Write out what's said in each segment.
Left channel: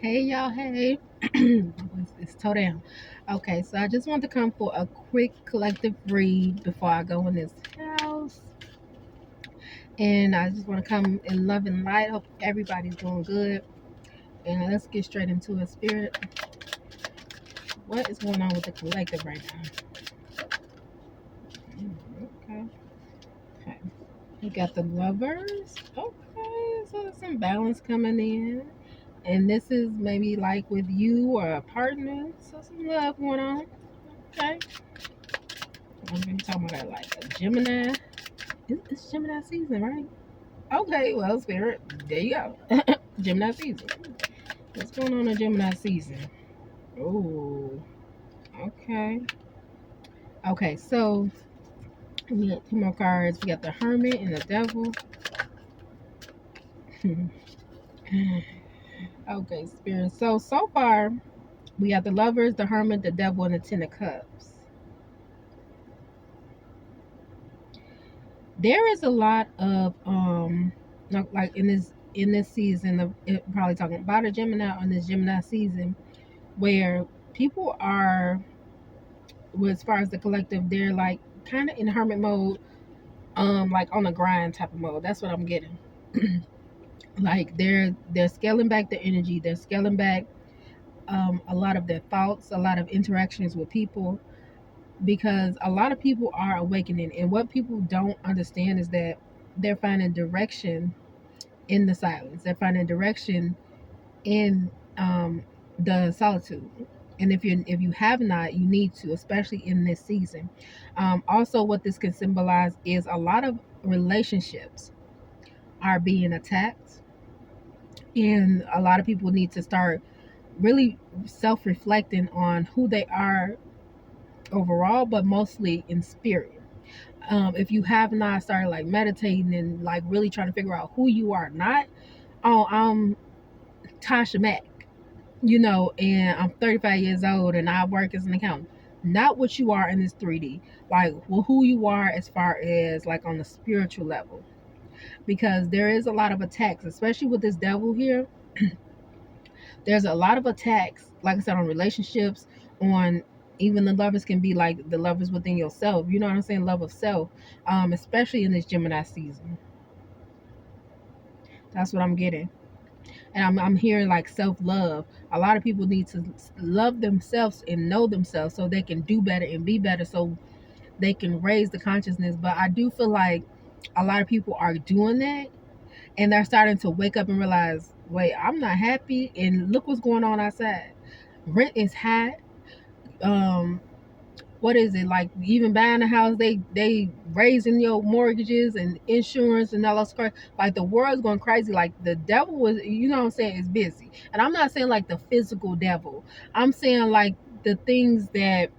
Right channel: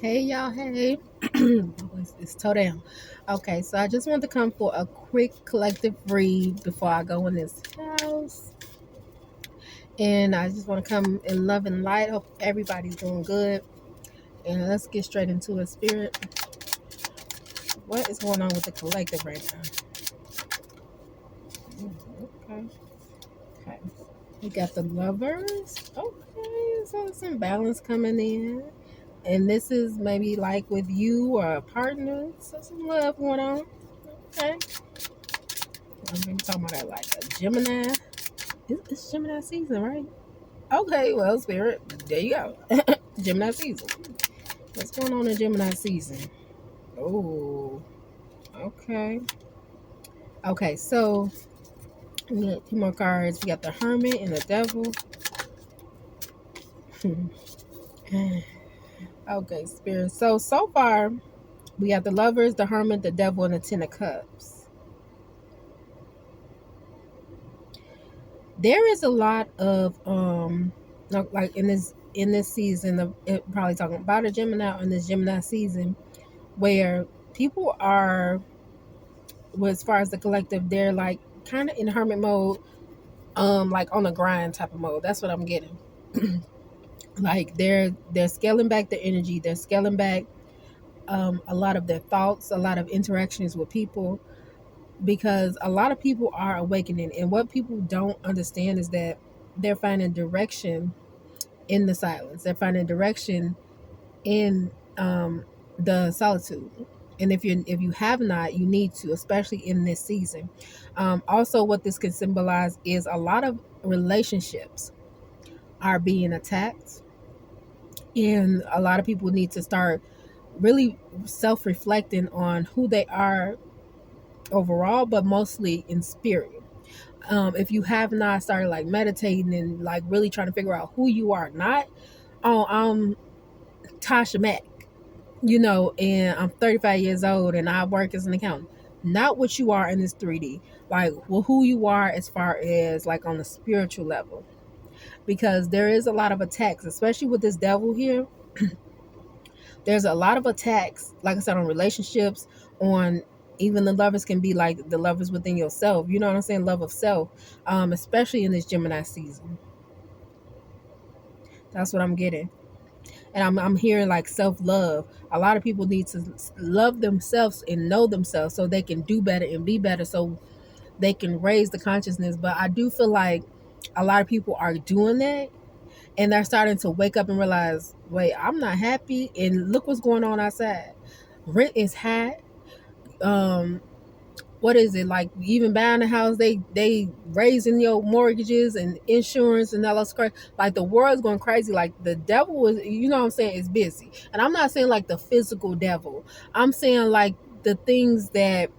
Hey y'all, hey. It's toe down. Okay, so I just want to come for a quick collective read before I go in this house. And I just want to come in love and light. Hope everybody's doing good. And let's get straight into it. Spirit, what is going on with the collective right now? Okay, okay. We got the lovers. Okay, so some balance coming in. And this is maybe like with you or a partner. So some love going on. Okay. I'm gonna be talking about that like a Gemini. It's Gemini season, right? Okay, well, Spirit, there you go. Gemini season. What's going on in Gemini season? Oh, okay. Okay, so we got two more cards. We got the Hermit and the Devil. Okay, Spirit. So far, we got the Lovers, the Hermit, the Devil, and the Ten of Cups. There is a lot of like in this season of probably talking about a Gemini in this Gemini season where people are, well, as far as the collective, they're like kind of in hermit mode, like on a grind type of mode. That's what I'm getting. Like they're scaling back their energy, they're scaling back a lot of their thoughts, a lot of interactions with people, because a lot of people are awakening, and what people don't understand is that they're finding direction in the silence. They're finding direction in the solitude. And if you have not, you need to, especially in this season. Also, what this can symbolize is a lot of relationships are being attacked, and a lot of people need to start really self-reflecting on who they are overall, but mostly in spirit. If you have not started like meditating and like really trying to figure out who you are, not oh Tasha Mack, and I'm 35 years old and I work as an accountant. Not what you are in this 3D, like well, who you are as far as like on the spiritual level, because there is a lot of attacks, especially with this devil here. There's a lot of attacks, like I said, on relationships, on even the lovers can be like the lovers within yourself. You know what I'm saying? Love of self, especially in this Gemini season. That's what I'm getting. And I'm hearing like self-love. A lot of people need to love themselves and know themselves so they can do better and be better, so they can raise the consciousness. But I do feel like a lot of people are doing that, and they're starting to wake up and realize, wait, I'm not happy, and look what's going on outside. Rent is high. um what is it, like even buying a house, they raising your mortgages and insurance and all those crazy. Like the world's going crazy. Like the devil is, what I'm saying, is busy. And I'm not saying like the physical devil, I'm saying like the things that,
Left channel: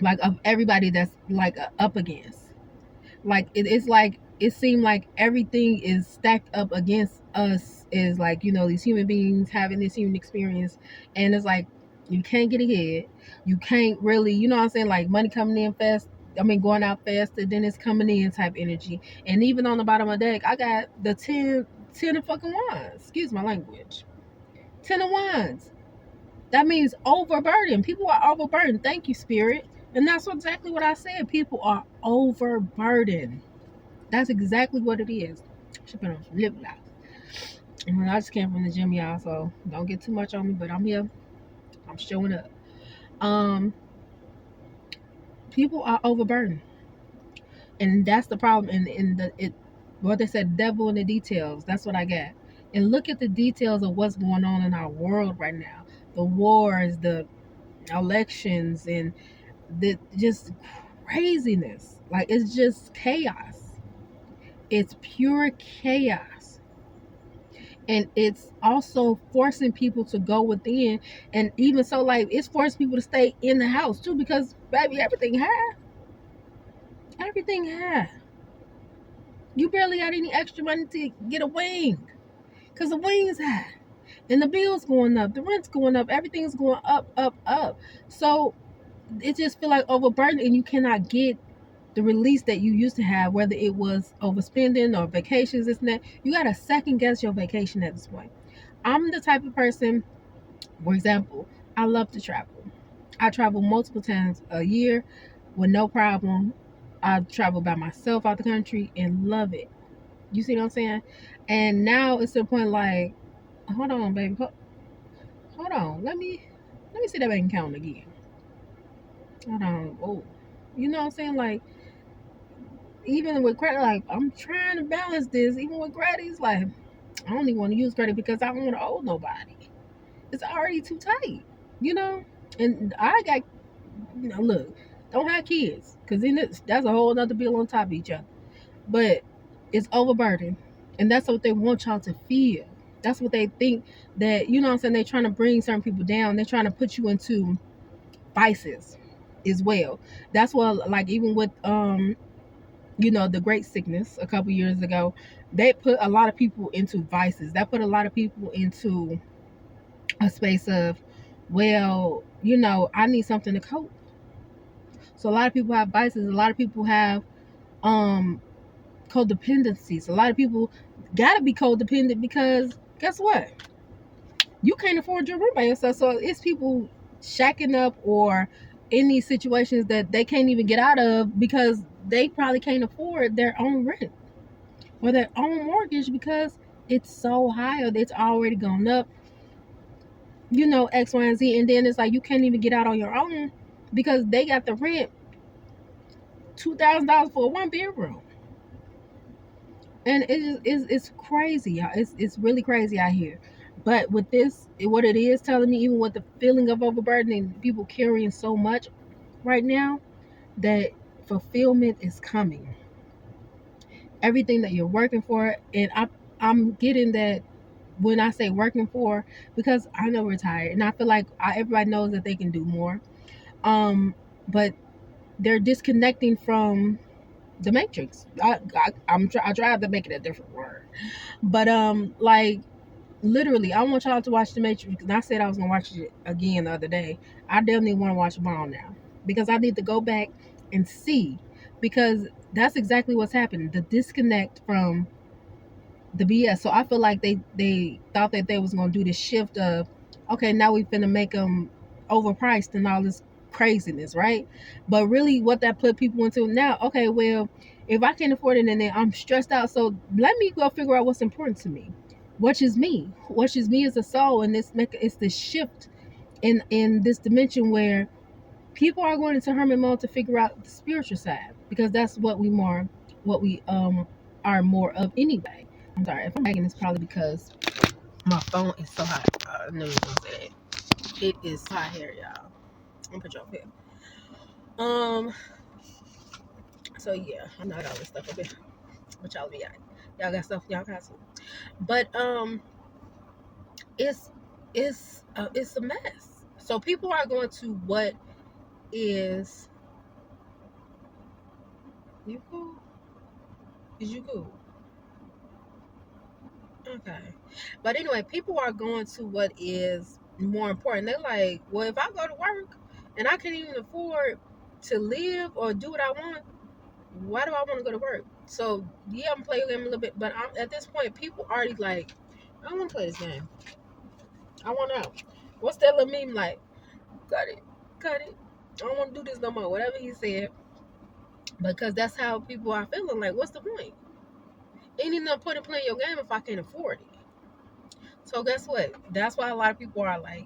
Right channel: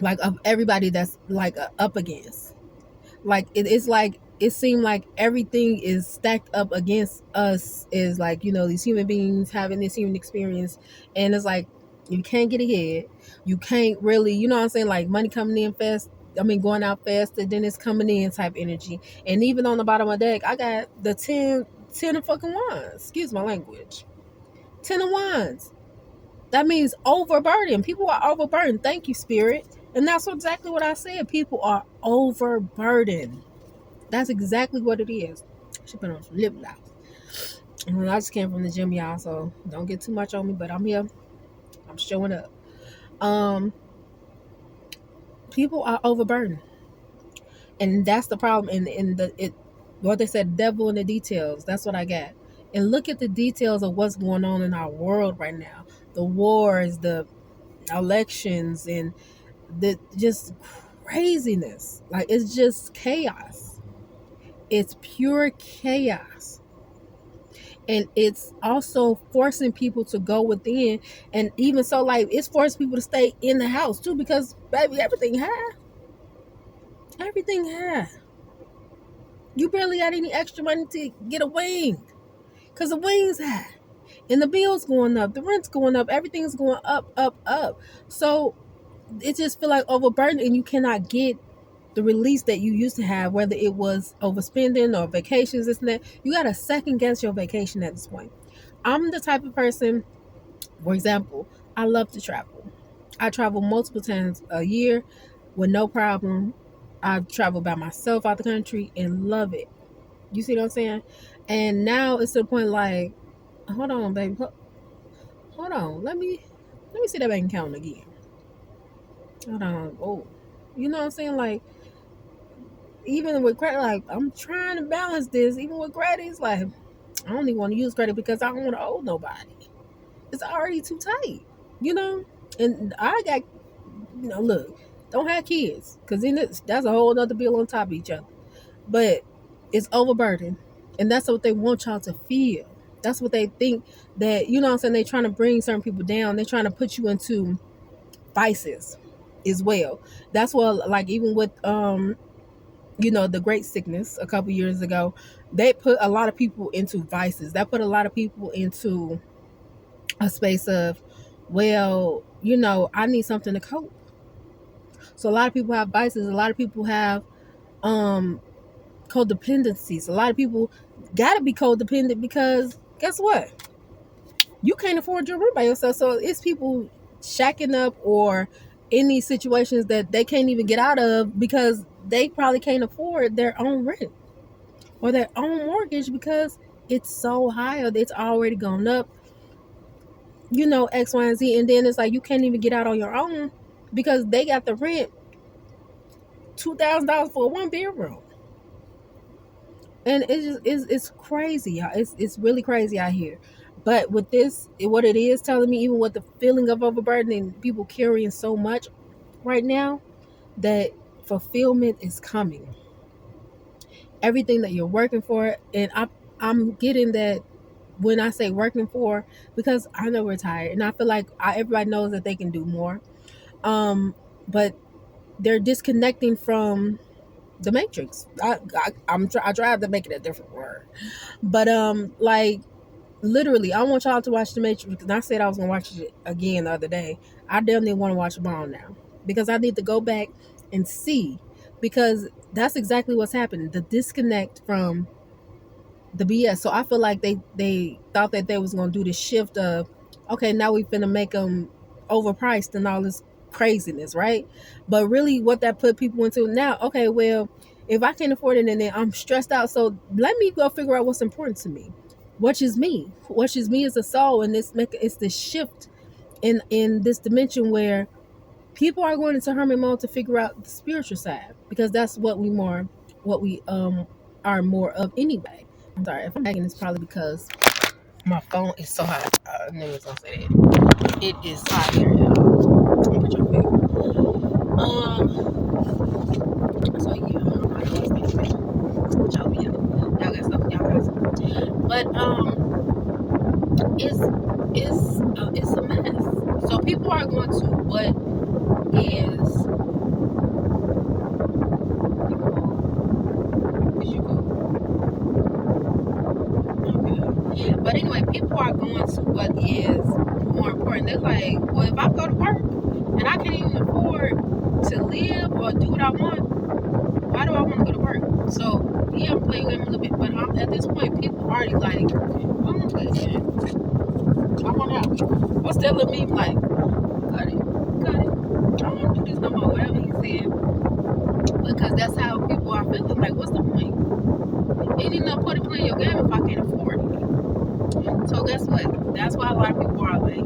like, of everybody that's like up against, like it's like it seemed like everything is stacked up against us, is like, these human beings having this human experience. And it's like you can't get ahead, you can't really, what I'm saying, like money coming in fast, I mean going out faster than it's coming in type energy. And even on the bottom of the deck, I got the 10 of fucking wands, excuse my language, 10 of wands. That means overburdened. People are overburdened. Thank you, spirit. And that's exactly what I said. People are overburdened. That's exactly what it is. She put on some lip gloss. And I just came from the gym, y'all, so don't get too much on me, but I'm here. I'm showing up. Um, People are overburdened. And that's the problem. In the it what they said, devil in the details. That's what I got. And look at the details of what's going on in our world right now. The wars, the elections, and the just craziness. Like it's just chaos. It's pure chaos. And it's also forcing people to go within. And even so, like, it's forcing people to stay in the house too, because baby, everything high. You barely got any extra money to get a wing, because the wing's high, and the bills going up, the rent's going up, everything's going up, up, up. So it just feel like overburdened, and you cannot get the release that you used to have, whether it was overspending or vacations, this and that. You got to second guess your vacation at this point. I'm the type of person, for example, I love to travel. I travel multiple times a year with no problem. I travel by myself out the country and love it. You see what I'm saying? And now it's to the point like, hold on, baby, hold on. Let me see that bank account again. Hold on. Oh, you know what I'm saying? Like even with credit, like I'm trying to balance this. Even with credit, it's like I don't even want to use credit because I don't want to owe nobody. It's already too tight, you know. And I got, look, don't have kids because then that's a whole other bill on top of each other. But it's overburdened, and that's what they want y'all to feel. That's what they think that what I'm saying. They're trying to bring certain people down. They're trying to put you into vices as well. That's what like even with the great sickness a couple years ago, they put a lot of people into vices. That put a lot of people into a space of, well, I need something to cope. So a lot of people have vices. A lot of people have um codependencies. A lot of people gotta be codependent because guess what? You can't afford your room by yourself. So it's people shacking up or in these situations that they can't even get out of because they probably can't afford their own rent or their own mortgage because it's so high or it's already gone up, X, Y, and Z. And then it's like you can't even get out on your own because they got the rent $2,000 for a 1 bedroom. And it's crazy, y'all. It's really crazy out here. But with this, what it is telling me, even with the feeling of overburdening, people carrying so much right now, that fulfillment is coming. Everything that you're working for, and I'm getting that when I say working for, because I know we're tired, and I feel like everybody knows that they can do more. But they're disconnecting from the matrix. I tried to make it a different word, but like literally, I want y'all to watch the Matrix because I said I was gonna watch it again the other day. I definitely want to watch them all now because I need to go back and see, because that's exactly what's happened. The disconnect from the BS. So I feel like they thought that they was gonna do this shift of, okay, now we finna make them overpriced and all this craziness, right? But really, what that put people into now? Okay, well, if I can't afford it and then I'm stressed out, so let me go figure out what's important to me, which is me as a soul, and it's this shift in this dimension where people are going into hermit mode to figure out the spiritual side because that's what we are more of anyway. I'm sorry if I'm lagging. It's probably because my phone is so hot. I knew it was gonna say it. It is hot here, y'all. I'm gonna put your face. So yeah, I'm not gonna stuff there. But y'all be at it. Y'all got stuff y'all guys. But it's a mess. So people are going to what is you cool? Okay. But anyway, people are going to what is more important. They're like, well, if I go to work and I can't even afford to live or do what I want, why do I want to go to work? So yeah, I'm playing game a little bit, but at this point, people already like, I want to play this game. I want out. What's that little meme like? Cut it. I don't want to do this no more. Whatever he said, because that's how people are feeling. Like, what's the point? Ain't no point in playing your game if I can't afford it. So guess what? That's why a lot of people are like,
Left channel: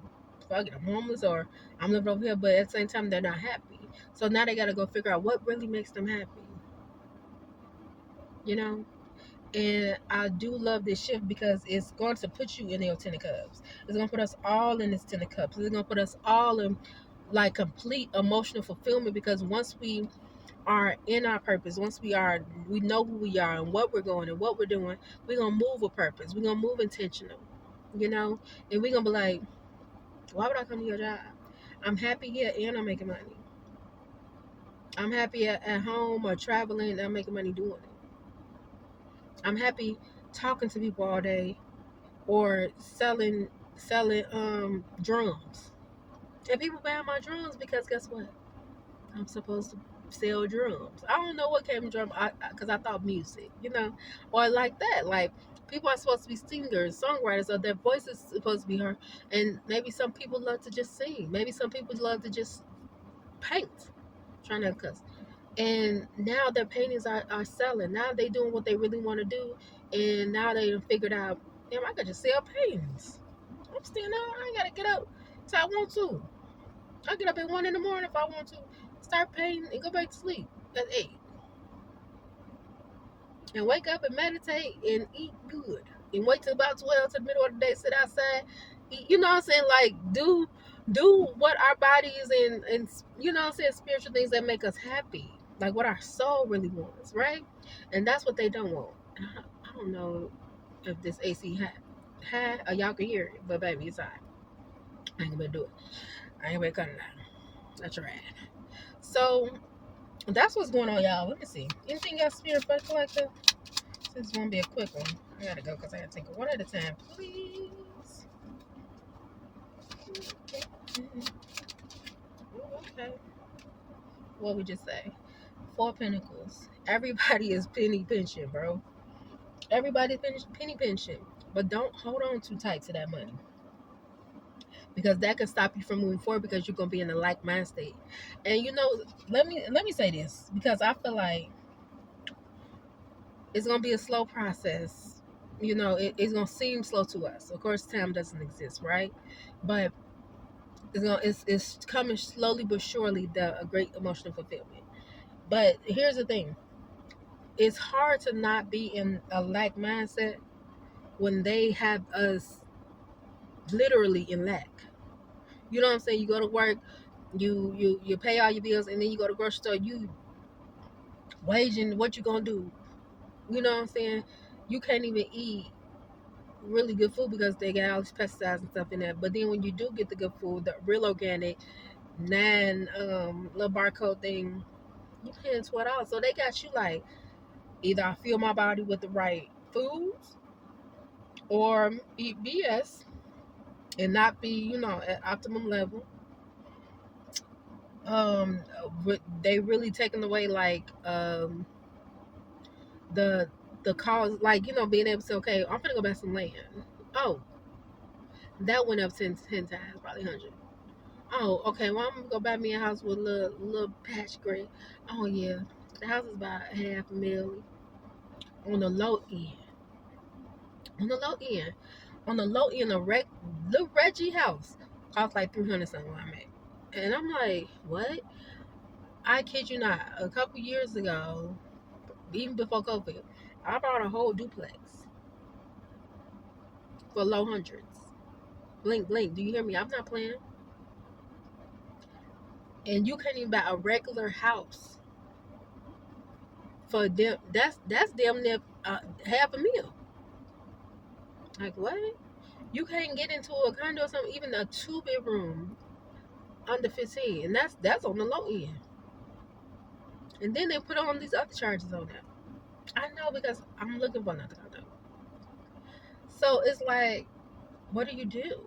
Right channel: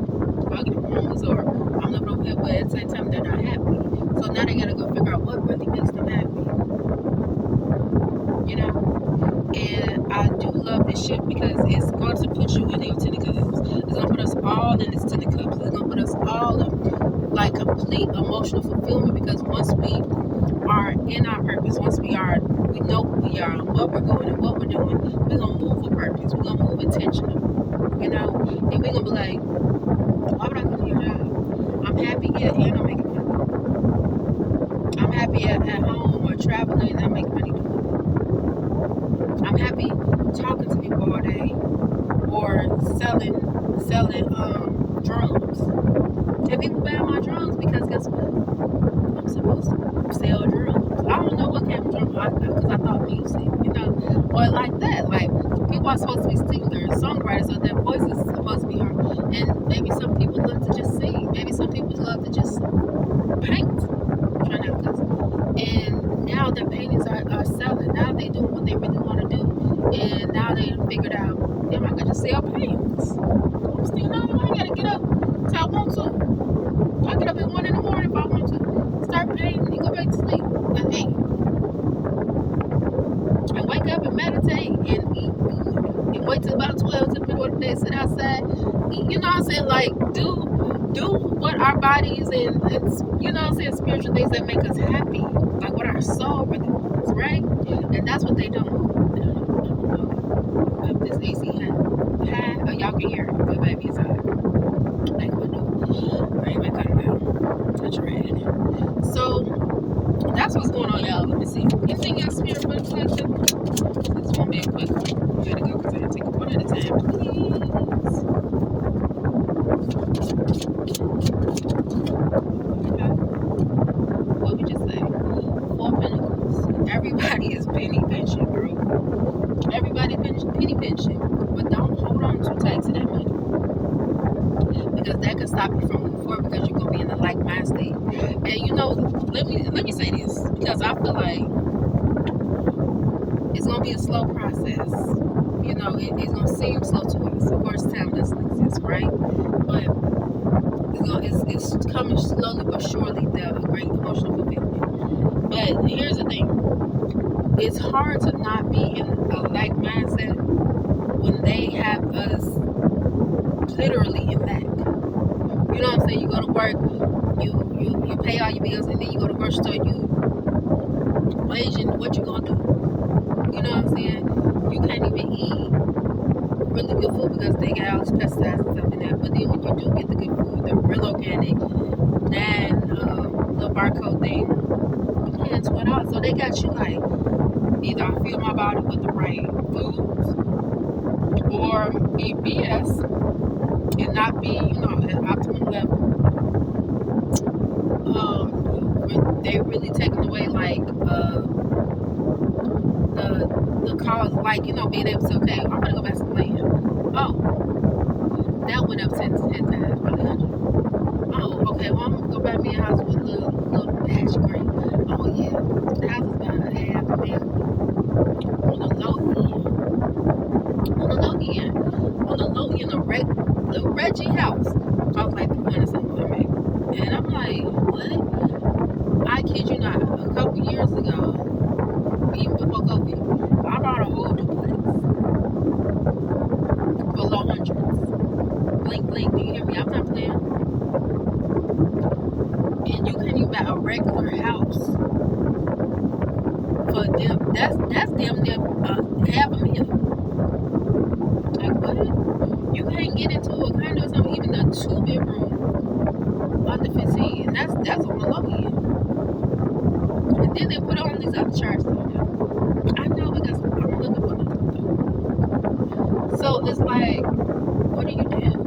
fucking homeless or I'm living over here, but at the same time they're not happy. So now they gotta go figure out what really makes them happy. And I do love this shift because it's going to put you in your 10 of cups. It's going to put us all in this 10 of cups. It's going to put us all in like complete emotional fulfillment, because once we are in our purpose, once we know who we are and what we're going and what we're doing, we're going to move with purpose. We're going to move intentional, and we're going to be like, why would I come to your job? I'm happy here and I'm making money. I'm happy at home or traveling and I'm making money doing it. I'm happy talking to people all day or selling drums. And people buy my drums because guess what? I'm supposed to sell drums. I don't know what kind of drum, because I thought music, or like that. Like, people are supposed to be singers, songwriters, so their voice is supposed to be heard. And maybe some people love to just sing. Maybe some people love to just paint. I'm trying to cuss. And now their paintings are selling. Now they doing what they really want to do. And now they figured out, damn, I could just sell paintings. I'm still not, I gotta get up if I want to. I get up at 1 in the morning if I want to. Start painting and go back to sleep at 8. And wake up and meditate and eat good. And wait till about 12 to the middle of the day, sit outside, eat, you know what I'm saying? Like, do what our bodies and you know what I'm saying, spiritual things that make us happy. Like what our soul really wants, right? And that's what they don't want. I don't know if this AC high, or y'all can hear it, but baby, it's high. I ain't gonna do it. I ain't gonna cut it down. I tried. So that's what's going on, y'all. Let me see. Anything else, Spirit for the collective? This won't be a quick one. We gotta go because I gotta take it one at a time, please. Okay. What we just say? 4 Pentacles. Everybody is penny pinching, bro. Everybody penny pinching. But don't hold on too tight to that money, because that could stop you from moving forward, because you're gonna be in a like mind state. And let me say this, because I feel like it's gonna be a slow process. It's gonna seem slow to us. Of course, time doesn't exist, right? But it's coming slowly but surely, a great emotional fulfillment. But here's the thing: it's hard to not be in a like mindset when they have us literally in lack. You know what I'm saying? You go to work, you pay all your bills, and then you go to the grocery store, you waging what you gonna do. You know what I'm saying? You can't even eat really good food because they got all these pesticides and stuff in there. But then when you do get the good food, the real organic, little barcode thing, you paying $12. So they got you like, either I fuel my body with the right foods, or eat BS and not be, at optimum level. They really taking away like the cause, like, being able to say, okay, I'm gonna go back to land. Oh, that went up 10 times, probably 100. Oh, okay, well, I'm gonna go buy me a house with a little patch of green. Oh yeah, the house is about $500,000 on the low end. On the low end, a little Reggie house cost like 300 something. And I'm like, what? I kid you not. A couple years ago, even before COVID, I bought a whole duplex for low hundreds. Blink, blink. Do you hear me? I'm not playing. And you can't even buy a regular house for them. That's damn near $500,000. Like what? You can't get into a condo or something, even a 2-bedroom under 15, and that's on the low end. And then they put on these other charges on there. I know, because I'm looking for another one. So it's like, what do you do?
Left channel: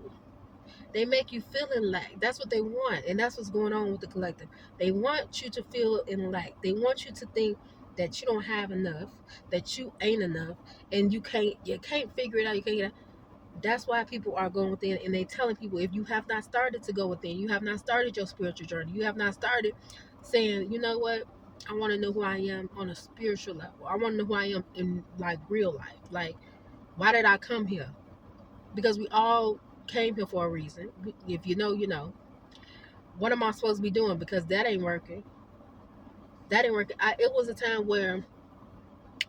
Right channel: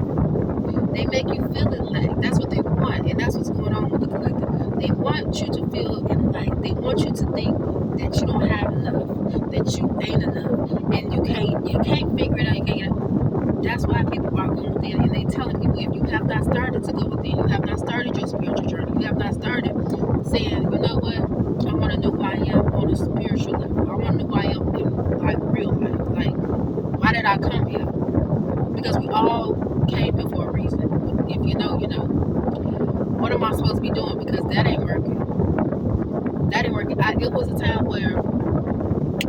They make you feel in lack. That's what they want, and that's what's going on with the collective. They want you to feel in lack. They want you to think that you don't have enough, that you ain't enough, and you can't figure it out. You can't get it. That's why people are going within, and they telling people, if you have not started to go within, you have not started your spiritual journey, you have not started saying, you know what, I want to know who I am on a spiritual level. I want to know who I am in like real life. Like, why did I come here? Because we all came here for a reason. If you know, you know. What am I supposed to be doing? Because that ain't working. That ain't working. It was a time where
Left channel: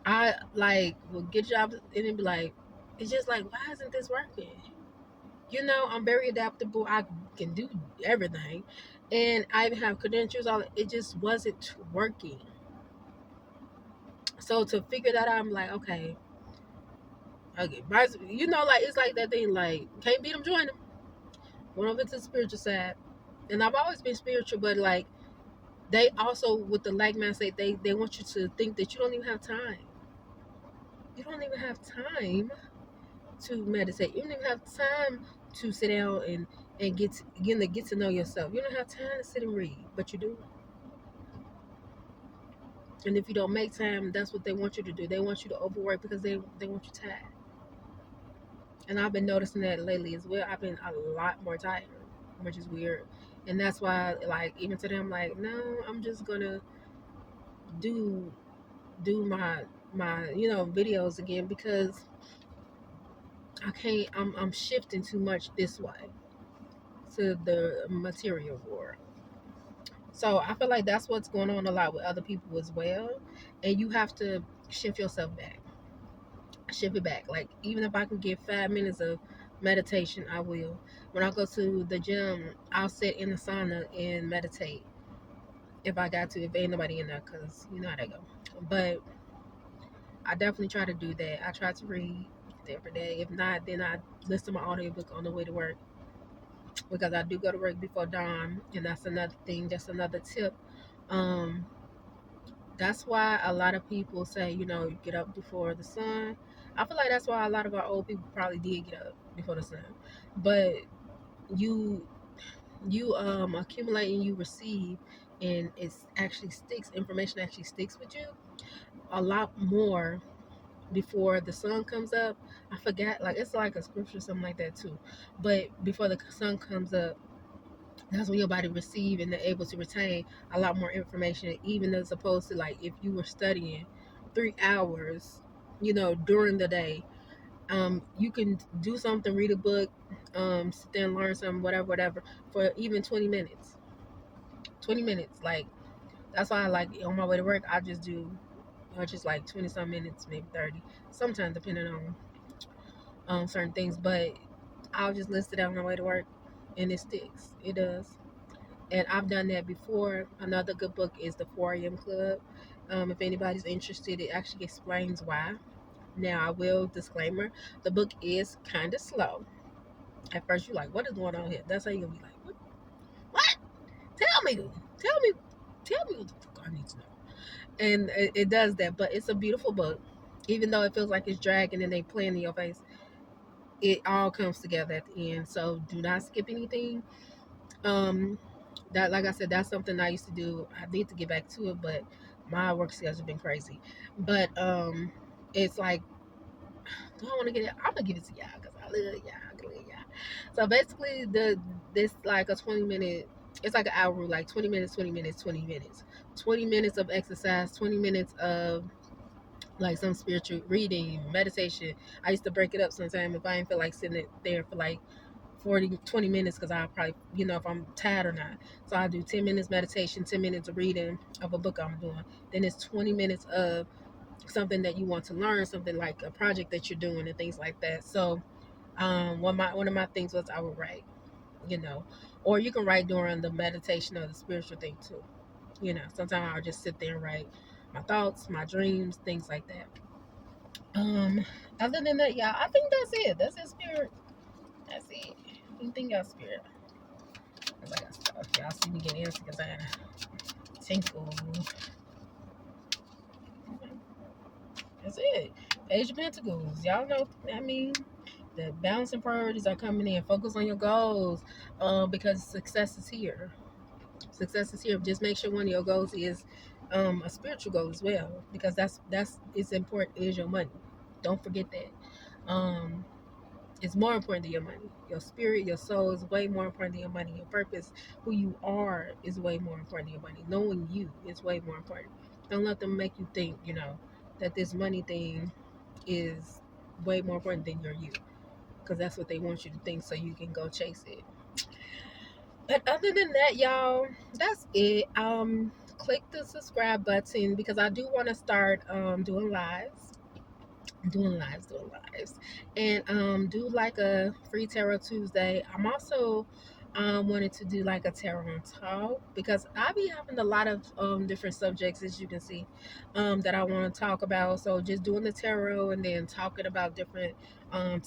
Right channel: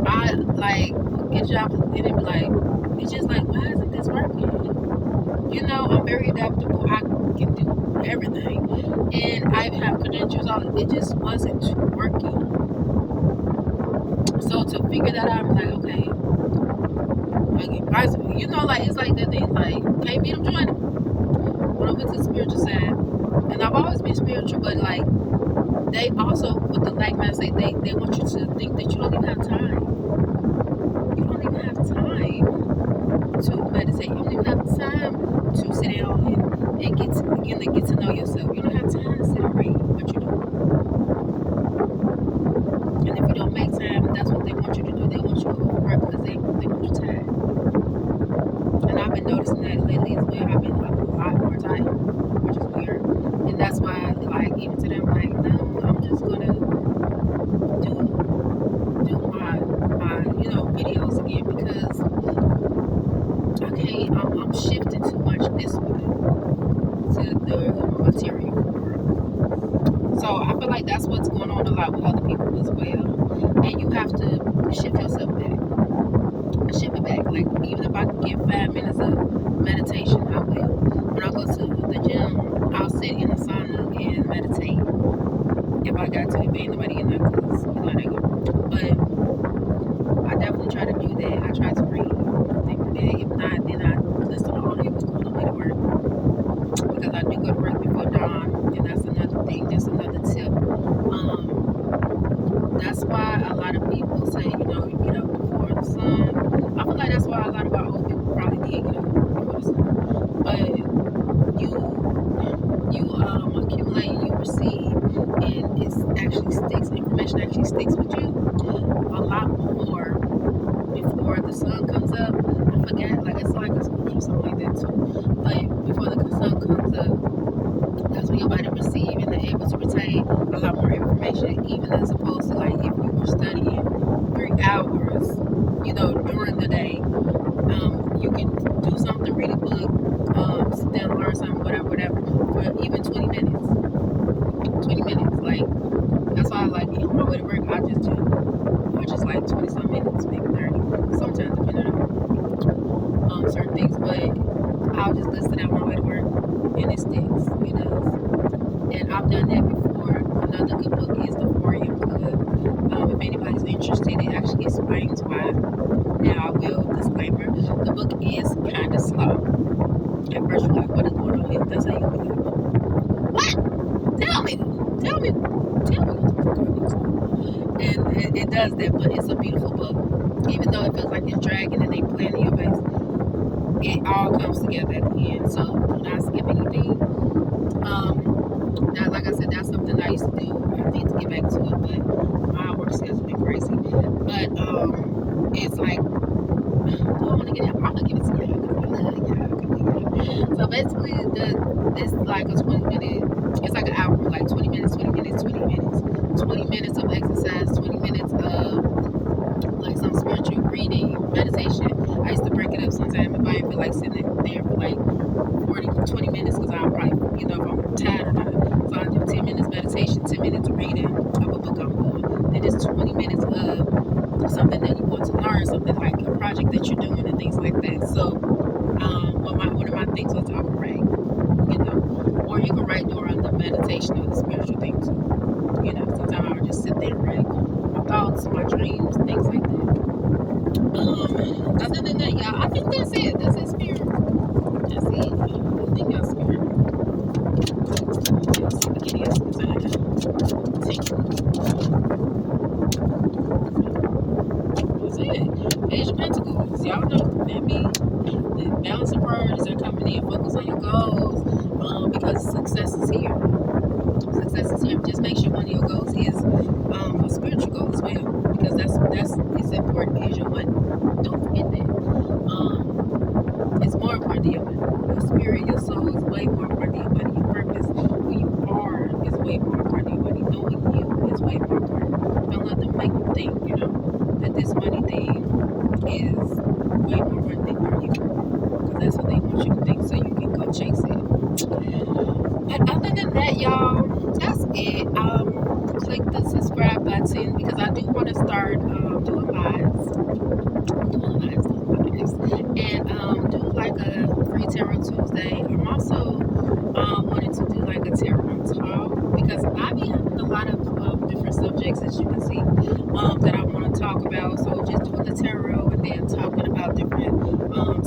I like get jobs and it be like, it's just like, why isn't this working? I'm very adaptable. I can do everything, and I have credentials. It just wasn't working. So to figure that out, I'm like, okay, like it's like that thing, like, can't beat them, join them. When I went to the spiritual side, and I've always been spiritual, but like they also with the like man say they want you to think that you don't even have time. You don't even have time to meditate. You don't even have time to sit down and get to know yourself. You don't have time to sit and read what you do. And if you don't make time, that's what they want you to do. They want you to overwork because they want you tired. And I've been noticing that lately as well. I've been a lot more tired, which is weird. And that's why, like, even today, I'm like, no, I'm just gonna do my videos again because I can't. I'm shifting too much this way to the material world. So I feel like that's what's going on a lot with other people as well. And you have to shift yourself back. Shift it back. Like, even if I can get 5 minutes of meditation, I will. When I go to the gym, I'll sit in the sauna and meditate. If I got to, if ain't nobody in there, because you know how that go. But I definitely try to do that. I try to read every day. If not, then I listen to my audiobook on the way to work. Because I do go to work before dawn, and that's another thing. That's another tip. That's why a lot of people say, you get up before the sun. I feel like that's why a lot of our old people probably did get up before the sun. But you accumulate and you receive, and it's actually sticks. Information actually sticks with you a lot more before the sun comes up. I forgot, like, it's like a scripture or something like that too. But before the sun comes up, that's when your body receive and they're able to retain a lot more information, even as opposed to, like, if you were studying 3 hours, during the day. You can do something, read a book, sit down and learn something, whatever, for even 20 minutes. 20 minutes, like, that's why I like on my way to work, I just like 20 some minutes, maybe 30, sometimes depending on certain things, but I'll just list it out on my way to work, and it sticks. It does. And I've done that before. Another good book is The 4 a.m. Club. If anybody's interested, it actually explains why. Now, I will disclaimer, the book is kind of slow. At first, you're like, what is going on here? That's how you're going to be like, what? Tell me what the fuck I need to know. And it does that, but it's a beautiful book. Even though it feels like it's dragging and they playing in your face, it all comes together at the end. So do not skip anything. That, like I said, that's something I used to do. I need to get back to it, but my work schedule's been crazy. But it's like, do I want to get it? I'm gonna give it to y'all because I love y'all. So basically, it's like a 20-minute. It's like an hour, like 20 minutes, 20 minutes, 20 minutes, 20 minutes of exercise, 20 minutes of like some spiritual reading, meditation. I used to break it up sometimes if I didn't feel like sitting there for like 20 minutes because I'm probably, if I'm tired or not. So I do 10 minutes meditation, 10 minutes reading of a book I'm doing. Then it's 20 minutes of something that you want to learn, something like a project that you're doing and things like that. So one of my things was I would write, or you can write during the meditation or the spiritual thing too. Sometimes I would just sit there and write my thoughts, my dreams, things like that. Other than that, y'all, I think that's it. That's it, spirit. That's it. I think y'all spirit. Y'all see the giddy up because I tinkle. That's it. Page of Pentacles. Y'all know that means the balancing priorities are coming in. Focus on your goals, because success is here. Success is here. Just make sure one of your goals is a spiritual goal as well, because that's as important as your money. Don't forget that. It's more important than your money. Your spirit, your soul is way more important than your money. Your purpose, who you are, is way more important than your money. Knowing you is way more important. Don't let them make you think, that this money thing is way more important than you, because that's what they want you to think, so you can go chase it. But other than that, y'all, that's it. Click the subscribe button because I do want to start doing lives. And do like a free tarot Tuesday. I'm also wanting to do like a tarot talk because I be having a lot of different subjects, as you can see, that I want to talk about. So just doing the tarot and then talking about different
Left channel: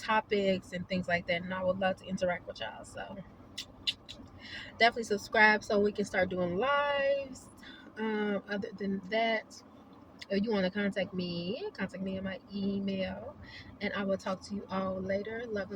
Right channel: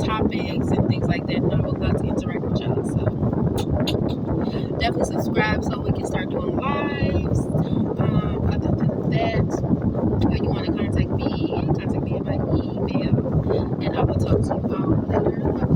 topics and things like that. And I would love to interact with y'all. So definitely subscribe so we can start doing lives. Other than that, if you want to contact me at my email, and I will talk to you all later. Love